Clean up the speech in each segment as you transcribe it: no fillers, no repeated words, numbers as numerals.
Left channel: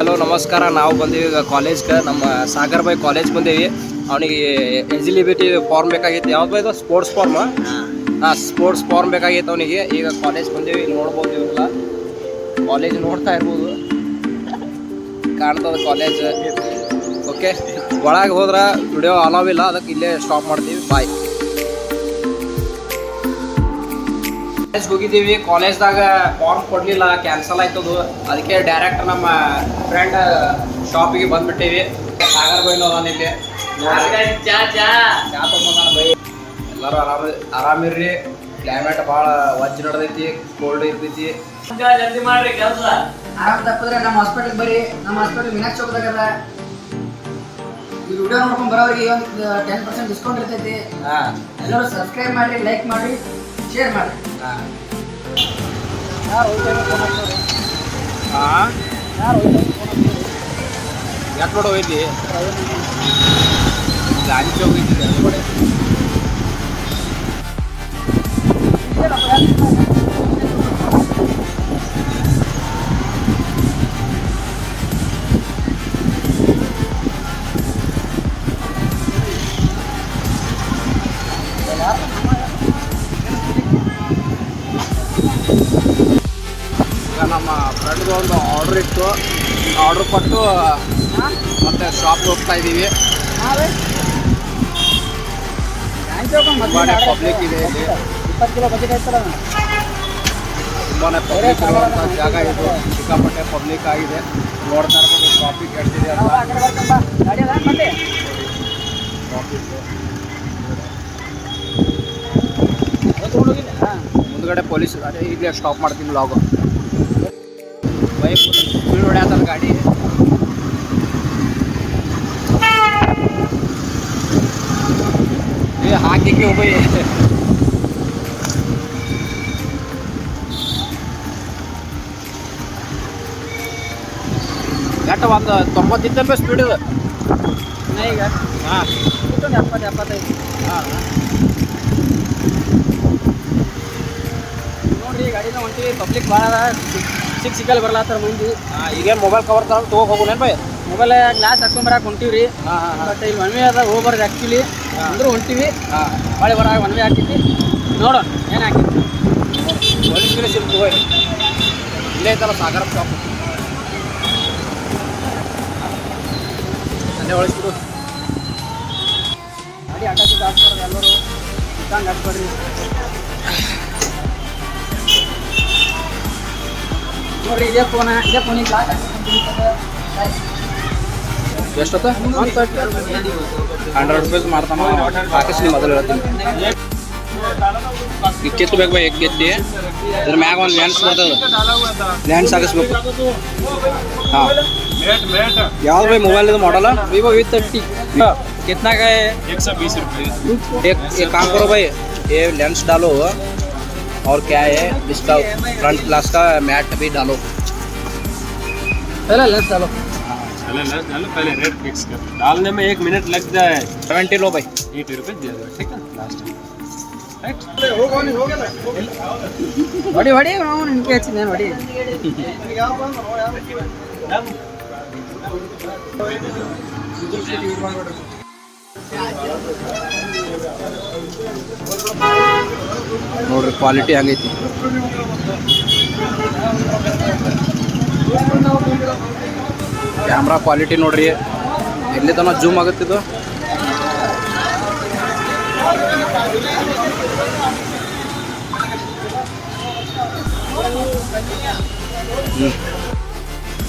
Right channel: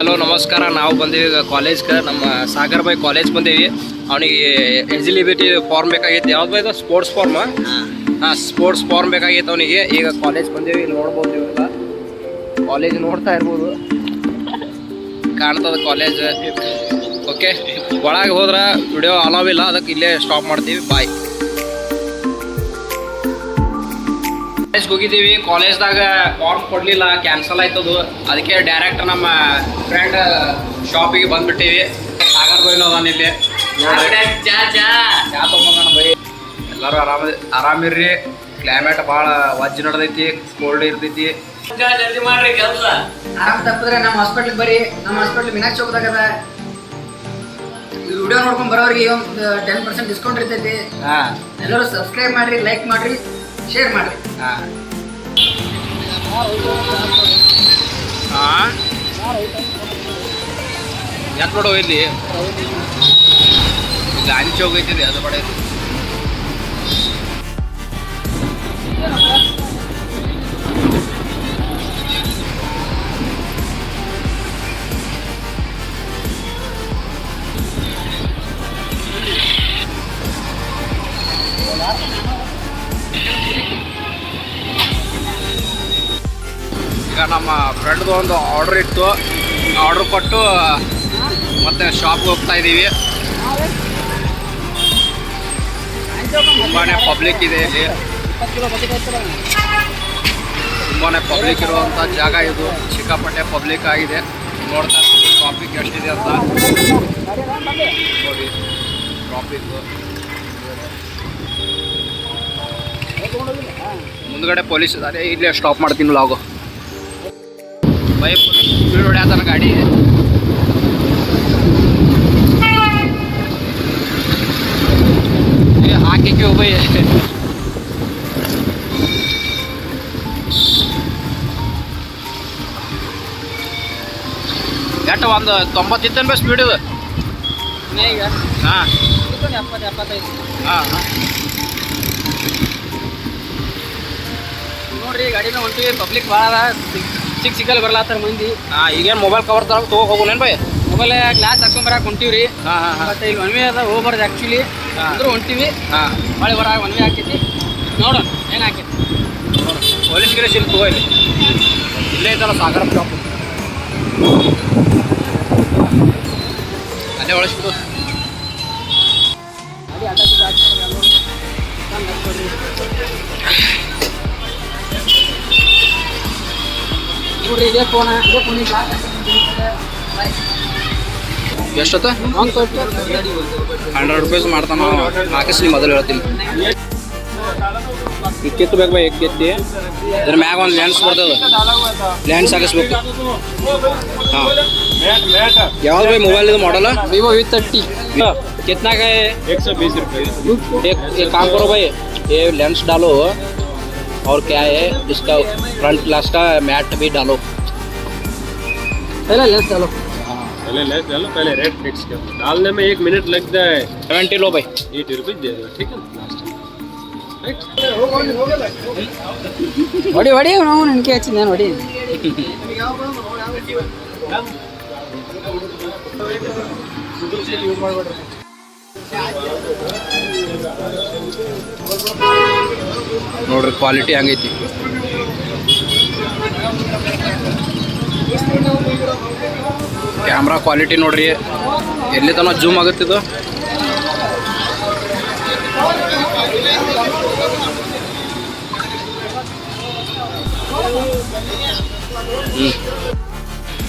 Hello ನಮಸ್ಕಾರ. ನಾವು ಬಂದೀವಿ ಈಗ ಕಾಲೇಜ್ಗೆ. ನಮ್ಮ ಸಾಗರ್ ಬಾಯ್ ಕಾಲೇಜ್ ಬಂದೀವಿ. ಅವನಿಗೆ ಎಲಿಜಿಬಿಲಿಟಿ ಫಾರ್ಮ್ ಬೇಕಾಗಿತ್ತು. ಯಾವ್ದು ಇದು ಸ್ಪೋರ್ಟ್ಸ್ ಫಾರ್ಮ್? ಹಾಂ, ಸ್ಪೋರ್ಟ್ಸ್ ಫಾರ್ಮ್ ಬೇಕಾಗಿತ್ತು ಅವನಿಗೆ. ಈಗ ಕಾಲೇಜ್ ಬಂದೀವಿ, ನೋಡ್ಬೋದು. ಇವೆಲ್ಲ ಕಾಲೇಜ್ ನೋಡ್ತಾ ಇರ್ಬೋದು, ಕಾಣ್ತದ ಕಾಲೇಜ್. ಓಕೆ, ಒಳಗೆ ಹೋದ್ರೆ ವಿಡಿಯೋ ಅಲೌ ಇಲ್ಲ, ಅದಕ್ಕೆ ಇಲ್ಲೇ ಸ್ಟಾಪ್ ಮಾಡ್ತೀವಿ. ಬಾಯ್. ಕಾಲೇಜ್ಗೆ ಹೋಗಿದ್ದೀವಿ. ಕಾಲೇಜ್ದಾಗ ಫಾರ್ಮ್ ಕೊಡಲಿಲ್ಲ, ಕ್ಯಾನ್ಸಲ್ ಆಯ್ತದು. ಅದಕ್ಕೆ ಡೈರೆಕ್ಟ್ ನಮ್ಮ ಫ್ರೆಂಡ್ ಶಾಪಿಗೆ ಬಂದ್ಬಿಟ್ಟೀವಿ. ಸಾಗರ್ ಬೈನು ಅದಾನ ಇಲ್ಲಿ. ಚಾ ತೊಗೊಂಬಂದಾನ ಬೈ. ಎಲ್ಲರೂ ಆರಾಮಿರ್ರಿ. ಕ್ಲೈಮೇಟ್ ಭಾಳ ವಜ್ಜ ನಡೆದೈತಿ, ಕೋಲ್ಡ್ ಇರ್ತೈತಿ. ಜಲ್ದಿ ಮಾಡ್ರಿ ಕೆಲಸ. ಆರಾಮ್ ತಪ್ಪಿದ್ರೆ ನಮ್ಮ ಹಾಸ್ಪಿಟ್ಲಿಗೆ ಬರ್ರಿ. ನಮ್ಮ ಹಾಸ್ಪಿಟ್ಲ್ ಮೀನಾಕ್ಷಿ ಚೌಕದಾಗದ. ಈ ವಿಡಿಯೋ ನೋಡ್ಕೊಂಡು ಬರೋರಿಗೆ ಒಂದು 10% ಡಿಸ್ಕೌಂಟ್ ಇರ್ತೈತಿ. ಎಲ್ಲರೂ ಸಬ್ಸ್ಕ್ರೈಬ್ ಮಾಡ್ರಿ, ಲೈಕ್ ಮಾಡ್ರಿ, ಶೇರ್ ಮಾಡ್ರಿ. ಯಾಕೆ ನೋಡೋ ಇಲ್ಲಿ ಗಾಂಧಿ ಚೌಕ ಐತಿದೆ, ಅದು ಬಡ ಐತಿ. ಈಗ ನಮ್ಮ ಫ್ರೆಂಡ್ದು ಒಂದು ಆರ್ಡ್ರ್ ಇತ್ತು. ಆರ್ಡ್ರ್ ಕೊಟ್ಟು ಮತ್ತೆ ಶಾಪ್ಗೆ ಹೋಗ್ತಾ ಇದ್ದೀವಿ. ತುಂಬಾ ಪಬ್ಲಿಕ್ ಇದೆ ಇಲ್ಲಿ. ತುಂಬಾ ಪಬ್ಲಿಕ್ ಇರುವಂಥ ಜಾಗ ಇದು. ಸಿಕ್ಕಾಪಟ್ಟೆ ಪಬ್ಲಿಕ್ ಆಗಿದೆ. ನೋಡ್ತಾ ಇರ್ಬೋದು ಟ್ರಾಫಿಕ್ ಎಷ್ಟಿದೆ ಅಂತ. ಟ್ರಾಫಿಕ್ ಮುಂದ್ಗಡೆ ಪೊಲೀಸ್ ಇದ್ದಾರೆ. ಇಲ್ಲೇ ಸ್ಟಾಪ್ ಮಾಡ್ತೀನಿ ಲಾಗು. ಬೈ ಸ್ಪೀಡ್ ಹೊಡ್ಯಾತಾನ ಗಾಡಿ. ಹಾಕಿಕ್ಕೆ ಹೋಗಿ ಎಷ್ಟು ಒಂದು 90 ಇತ್ತೇನು ಸ್ಪೀಡ್ ಇದು? ಹಾಂ, 70-75. ಹಾಂ ನೋಡ್ರಿ, ಗಾಡಿನ ಹೊಂಟಿವಿ. ಪಬ್ಲಿಕ್ ಭಾಳ ಸಿಕ್ಕಲ್ಲಿ ಬರ್ಲಾತ್ತಾರ ಮಂದಿ. ಹಾಂ, ಈಗೇನು ಮೊಬೈಲ್ ಕವರ್ ತೊಗೊಂಡು ಹೋಗೋನೇನು ಬೈ? ಮೊಬೈಲ್ ಗ್ಲಾಸ್ ಹಾಕೊಂಬರಕ್ಕೆ ಹೊಂಟಿವ್ರಿ. ಬಟ್ ಇಲ್ಲಿ ಒನ್ ವೇ ಅದ, ಹೋಗ್ಬಾರ್ದು ಆ್ಯಕ್ಚುಲಿ. ಅಂದ್ರೂ ಹೊಂಟಿವಿ. ಹೊಳೆ ಬರ ಒನ್ ವೇ ಹಾಕೈತಿ. ನೋಡೋಣ ಏನು ಹಾಕೈತಿ. ಪೊಲೀಸ್ ಗಿರೀಶ್ ಇಲ್ಲಿ ತಗೋ. ಇಲ್ಲಿ ಇಲ್ಲೇ ಐತಲ್ಲ ಸಾಗರ ಶಾಪ್, ಅಲ್ಲೇ ಒಳಸ್ಬಿಡು. ಗಾಡಿ ಅಡ್ಡಾಡಿ ಹಾಕ್ಬಾರ್ದು. ಎಲ್ಲರೂ ಇದ್ದಂಗೆ ಹಾಕ್ಕೊಡ್ರಿ. ನೋಡ್ರಿ, ಇದೇ ಫೋನಿಗೆ ಗ್ಲಾಸ್ ಬಾಯ್. ಎಷ್ಟೊತ್ತ? 100 ರೂಪೀಸ್ ಮಾಡ್ತಾನ. ಹಾಕಿಸ್ ನೀವು ಮೊದಲು ಹೇಳ್ತೀನಿ. ಈಗ ಕಿತ್ಬೇಕು ಬೈ, ಗೆದ್ದಿ ಇದ್ರ ಮ್ಯಾಗ ಒಂದು ಲೆನ್ಸ್ ಬರ್ತದೆ. ಲೆನ್ಸ್ ಹಾಕಿಸ್ಬೇಕು. ಹಾಂ, ಯಾವ್ದು ಬೈ ಮೊಬೈಲ್ ಇದು ಮಾಡಲ್ಲ? Vivo V30. कितना का है? 120 रुपये। एक काम करो भाई, ये लेंस डालो और क्या है इसका फ्रंट ग्लास का मैट भी डालो. पहले लेंस डालो. पहले लेंस डालो, पहले रेट फिक्स कर. डालने में 1 मिनट लगता है. 70 लो भाई. 80 रुपये दे दो, ठीक है लास्ट. ಹೊಡಿ ನಾವು ನನಗೆ ಹಚ್ಚಿದ ನಾನು ಹೊಡಿ. ನೋಡ್ರಿ ಕ್ವಾಲಿಟಿ ಹಂಗೈತಿ. ಕ್ಯಾಮ್ರಾ ಕ್ವಾಲಿಟಿ ನೋಡ್ರಿ, ಎಲ್ಲಿ ತನಕ ಜೂಮ್ ಆಗುತ್ತಿದ್ದು.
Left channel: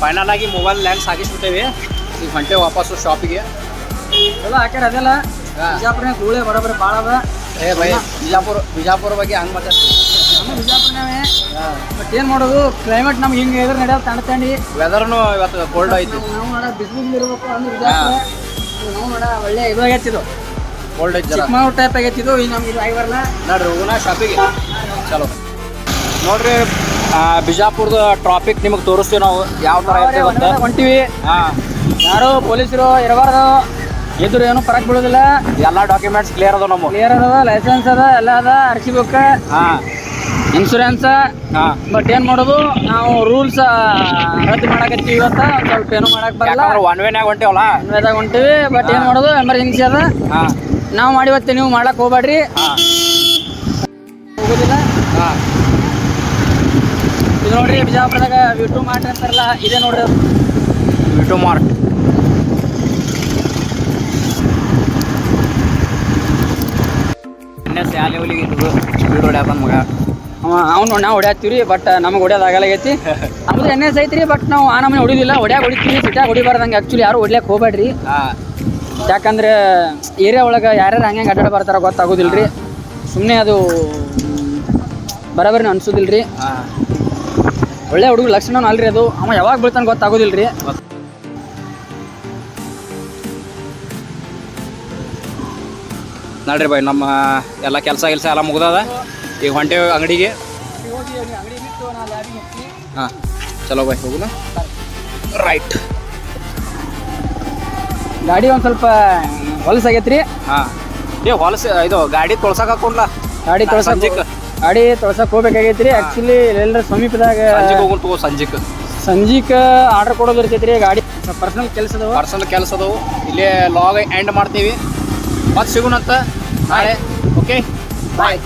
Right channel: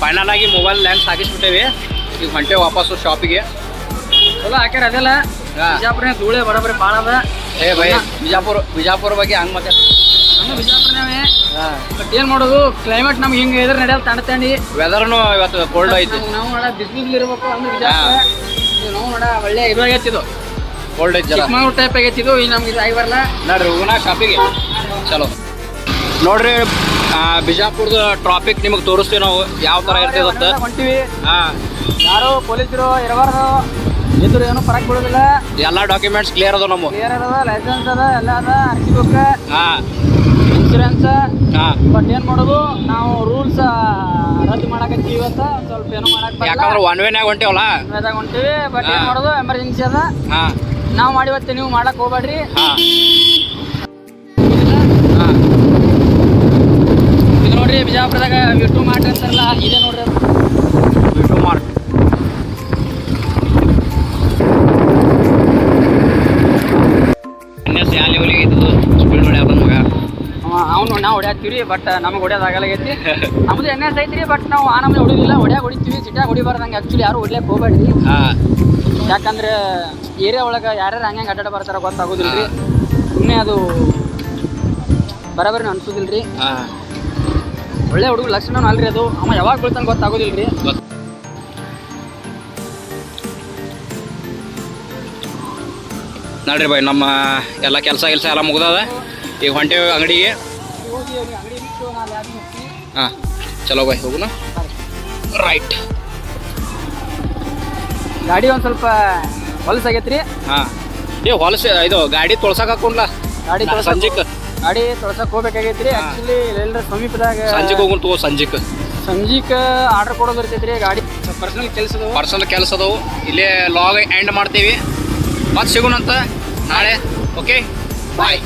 ಫೈನಲ್ ಆಗಿ ಮೊಬೈಲ್ ಲೆನ್ಸ್ ಹಾಕಿಸ್ಬಿಟ್ಟೇವಿ. ಈಗ ಹೊಂಟೆ ವಾಪಸ್ಸು ಶಾಪಿಗೆ. ಚಲೋ ಹಾಕ್ಯಾರ. ಅದೆಲ್ಲ ಬಿಜಾಪುರ ಧೂಳೆ ಬರೋಬ್ಬರಿ ಭಾಳ ಅದ. ಏ ಭಯ, ಬಿಜಾಪುರ ಬಗ್ಗೆ ಹಂಗೆ ಮತ್ತೆ ನಮ್ಮ ಬಿಜಾಪುರನೇ. ಬಟ್ ಏನು ಮಾಡೋದು, ಕ್ಲೈಮೇಟ್ ನಮ್ಗೆ ಹಿಂಗೆ ಇದ್ರೆ ನಡೆಯಲ್ಲ. ತಂಡಿ ವೆದರ್ನು ಇವತ್ತು ಕೋಲ್ಡ್ ಐತಿ. ನಾವು ನೋಡ ಬಿಸಿಲು ಇರ್ಬೇಕು ಅಂದ್ರೆ ಬಿಜಾಪುರ. ನಾವು ನೋಡ ಒಳ್ಳೆ ಇದು ಆಗತ್ತಿದ್ದು, ಕೋಲ್ಡ್ ಐತಿ. ಚಿಕ್ಕಮಗಳೂರು ಟೈಪ್ ಆಗತ್ತಿದ್ದು. ಈಗ ನಮ್ಗೆ ಇದು ಆಗಿ ಬರಲ್ಲ. ನೋಡ್ರಿ ಹೋಗೋಣ ಶಾಪಿಗೆ. ಚಲೋ ನೋಡ್ರಿ, ಬಿಜಾಪುರದ ಟ್ರಾಫಿಕ್ ನಿಮಗೆ ತೋರಿಸ್ತೀವಿ ನಾವು ಯಾವ ಥರ ಇರ್ತದೆ ಅಂತ. ಹೊಂಟಿವಿ. ಹಾಂ, ಯಾರು ಪೊಲೀಸರು ಇರಬಾರ್ದು. ಇದ್ರು ಏನು ಫರಕ್ ಬೀಳೋದಿಲ್ಲ. ಎಲ್ಲ ಡಾಕ್ಯುಮೆಂಟ್ಸ್ ಕ್ಲಿಯರ್ ಅದ. ನಮ್ಮ ಕ್ಲಿಯರ್ ಅದ, ಲೈಸೆನ್ಸ್ ಅದ, ಎಲ್ಲ ಅದ, RC ಬುಕ್. ಹಾಂ, ಇನ್ಶೂರೆನ್ಸ್ ಹಾಂ ಬಟ್ ಏನು ಮಾಡೋದು ನಾವು ರೂಲ್ಸ್ ರದ್ದು ಮಾಡಕತ್ತೀವಿ ಇವತ್ತು ಸ್ವಲ್ಪ ಏನು ಮಾಡಕ್ ಬರಲ್ಲ ಯಾಕಂದ್ರೆ ಒನ್ ವೇನಾಗ ಹೊಂಟೇವಲ್ಲ ವೇದಾಗ ಹೊಂಟಿವಿ ಬಟ್ ಏನು ಮಾಡೋದು ಎಮರ್ಜೆನ್ಸಿ ಅದ ಹಾಂ ನಾವು ಮಾಡಿವತ್ತೆ ನೀವು ಮಾಡಕ್ ಹೋಗ್ಬೇಡ್ರಿ ಹಾಂ ಹೋಗೋದಿಲ್ಲ ಹಾಂ ಇದು ನೋಡ್ರಿ ಬಿಜಾಪುರದಾಗ ವಿಟು ಮಾರ್ಟ್ ಅಂತಾರಲ್ಲ ಇದೆ ನೋಡ್ರಿ ಅದು. ಯೂಟ್ಯೂಬ್ ಮಾರ್ಕ್ ಯಾವ ಲೆವೆಲಿಗೆ ಇದ್ದು ಸ್ಪೀಡ್ ಹೊಡ್ಯಾದ ಮಗ ಅವ್ನು ನಾವು ಹೊಡ್ಯಾತೀವಿ ಬಟ್ ನಮಗೆ ಹೊಡ್ಯೋದಾಗಲಾಗೈತಿ ನಮ್ದು ಎನ್ ಎಸ್ ಐತ್ರಿ ಬಟ್ ನಾವು ಆ ನಮ್ಮನೆ ಹೊಡಿದಿಲ್ಲ ಹೊಡಿತೀವಿ ಸಿಟ್ಯಾಗ ಹೊಡಿಬಾರ್ದಂಗೆ ಆ್ಯಕ್ಚುಲಿ ಯಾರು ಹೊಡ್ಲಿಕ್ಕೆ ಹೋಗ್ಬೇಡ್ರಿ ಹಾಂ ಯಾಕಂದ್ರೆ ಏರಿಯಾ ಒಳಗೆ ಯಾರ್ಯಾರು ಹಂಗೆ ಅಡ್ಡಾಡ ಬರ್ತಾರ ಗೊತ್ತಾಗೋದಿಲ್ಲ ರೀ ಸುಮ್ಮನೆ ಅದು ಬರೋಬರಿ ಅನ್ಸೋದಿಲ್ಲ ರೀ ಹಾಂ ಒಳ್ಳೆ ಹುಡುಗ ಲಕ್ಷಣ ಅಲ್ರಿ ಅದು ಅವ ಯಾವಾಗ ಬೀಳ್ತಾನೆ ಗೊತ್ತಾಗೋದಿಲ್ಲ ರೀ ನೋಡ್ರಿ ಬಾಯ್ ನಮ್ಮ ಎಲ್ಲ ಕೆಲಸ ಎಲ್ಲ ಮುಗ್ದದ ಈಗ ಹೊಂಟೇವಿ ಅಂಗಡಿಗೆ ಹಾಂ ಚಲೋ ಬಾಯ್ ಹೋಗುನ ರೈಟ್ ಗಾಡಿ ಒಂದು ಸ್ವಲ್ಪ ಹೊಲಸಾಗೈತ್ರಿ ಹಾಂ ಹೊಲಸು ಇದು ಗಾಡಿ ತೊಳ್ಸಕ್ಕೆ ಹಾಕೊಂಡ್ಲ ಗಾಡಿ ಸಂಜೆಗೆ ಗಾಡಿ ತೊಳ್ಸಕ್ಕೆ ಹೋಗ್ಬೇಕಾಗೈತ್ರಿ ಆ್ಯಕ್ಚುಲಿ ಎಲ್ಲರ ಸಮೀಪದಾಗ ಸಂಜೆಗೆ ಹೋಗುನ್ ತಗೋ ಸಂಜೆಗೆ ಆರ್ಡರ್ ಕೊಡೋದು ಇರ್ತೈತ್ರಿ ಗಾಡಿ ಪರ್ಸನಲ್ ಕೆಲಸ ಅದಾವು ಇಲ್ಲೇ ಲಾಗ್ ಎಂಡ್ ಮಾಡ್ತೀವಿ ಮತ್ತೆ ಸಿಗೋಣಂತ ನಾಳೆ ಓಕೆ ಬಾಯ್